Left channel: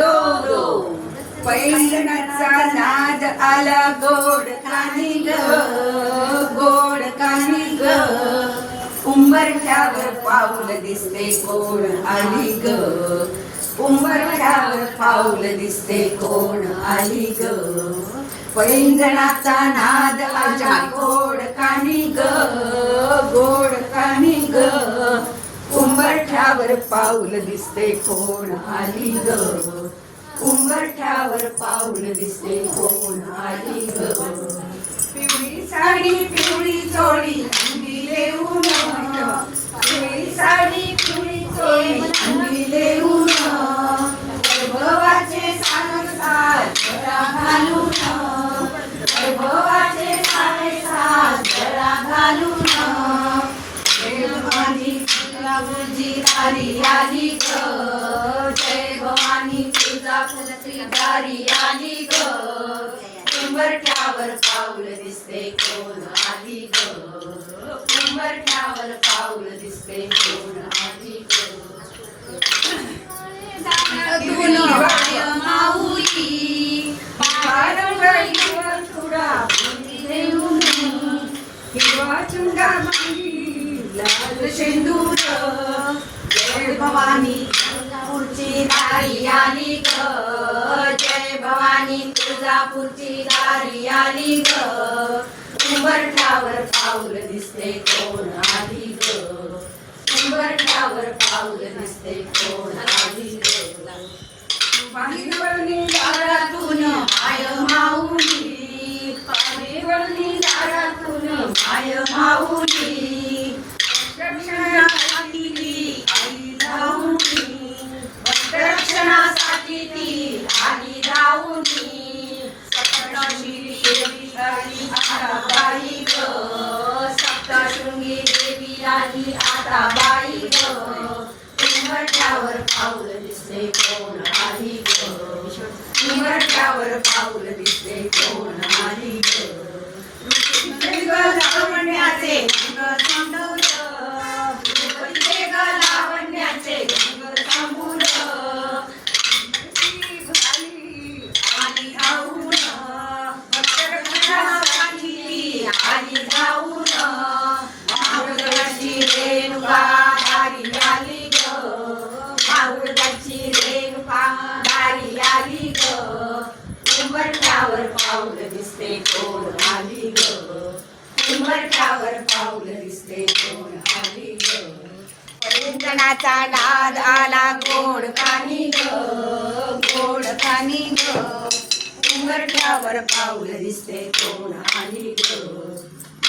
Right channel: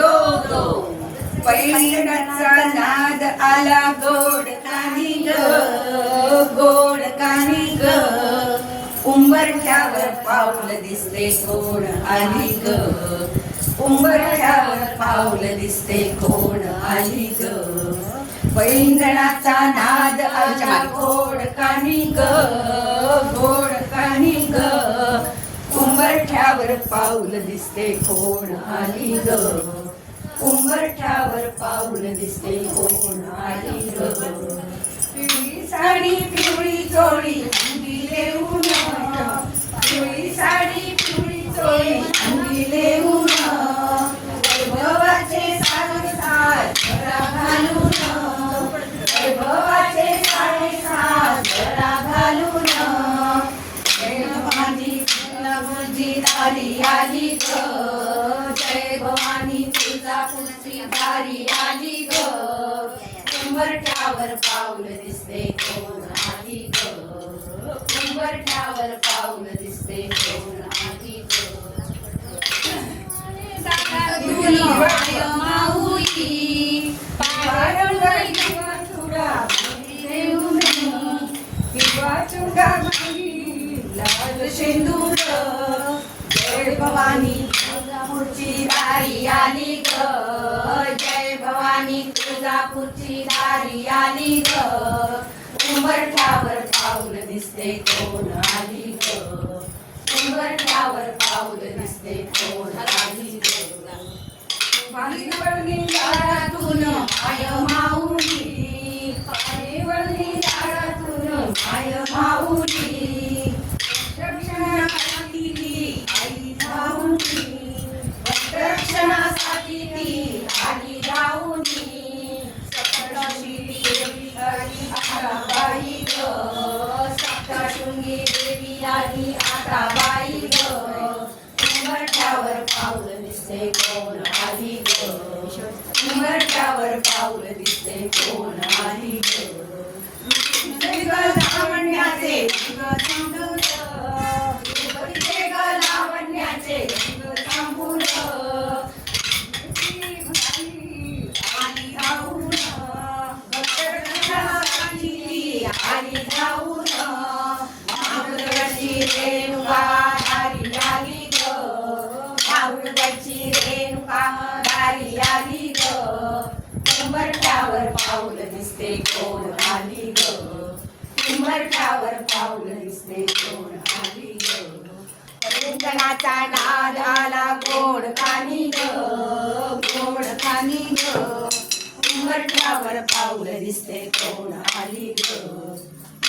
दो दो नाद आला गोड कानी ग गोड कानी ग. उंबरठ्यावर पाऊल दिसते कोण आली ग? उंबरठ्यावर पाऊल दिसते कोण आली ग? पैंजणाचा नाद आला गोड कानी ग गोड कानी ग. उंबरठ्यावर पाऊल दिसते कोण आली ग? उंबरठ्यावर पाऊल दिसते कोण आली पिवळी साडी भवानी बुद्धी दारी आली ग. जय भवानी तुझा पुलची दारी आली ग. उंबरठ्यावर पाऊल दिसते कोण आली ग. उंबरठ्यावर पाऊल दिसते कोण आली ग. माऊली. भवानी तुळजापूरची दारी आली ग. जय भवानी तुळजापूरची दारी आली ग. उंबरठ्यावर पाऊल दिसते कोण आली ग. उंबरठ्यावर पाऊल दिसते कोण आली ग. दारातून माय माऊली पाणी वळणी दारातून माय माऊली. सप्तशृंगी देवी आली आता बाई ग. उमरट्यावर पाऊल दिसते कोण आली ग. उमरट्यावर पाऊल दिसते कोण आली ग. रेणुका दारी आली ग. माहुरगडची रेणुका दारी आली ग. उंबरठ्यावर पाऊल दिसते कोण आली ग? उंबरठ्यावर पाऊल दिसते कोण आली ग? परिंजनाचा नाद आला गोड कानी ग. गोड कानी ग. उंबरठ्यावर पाऊल दिसते कोण आली ग?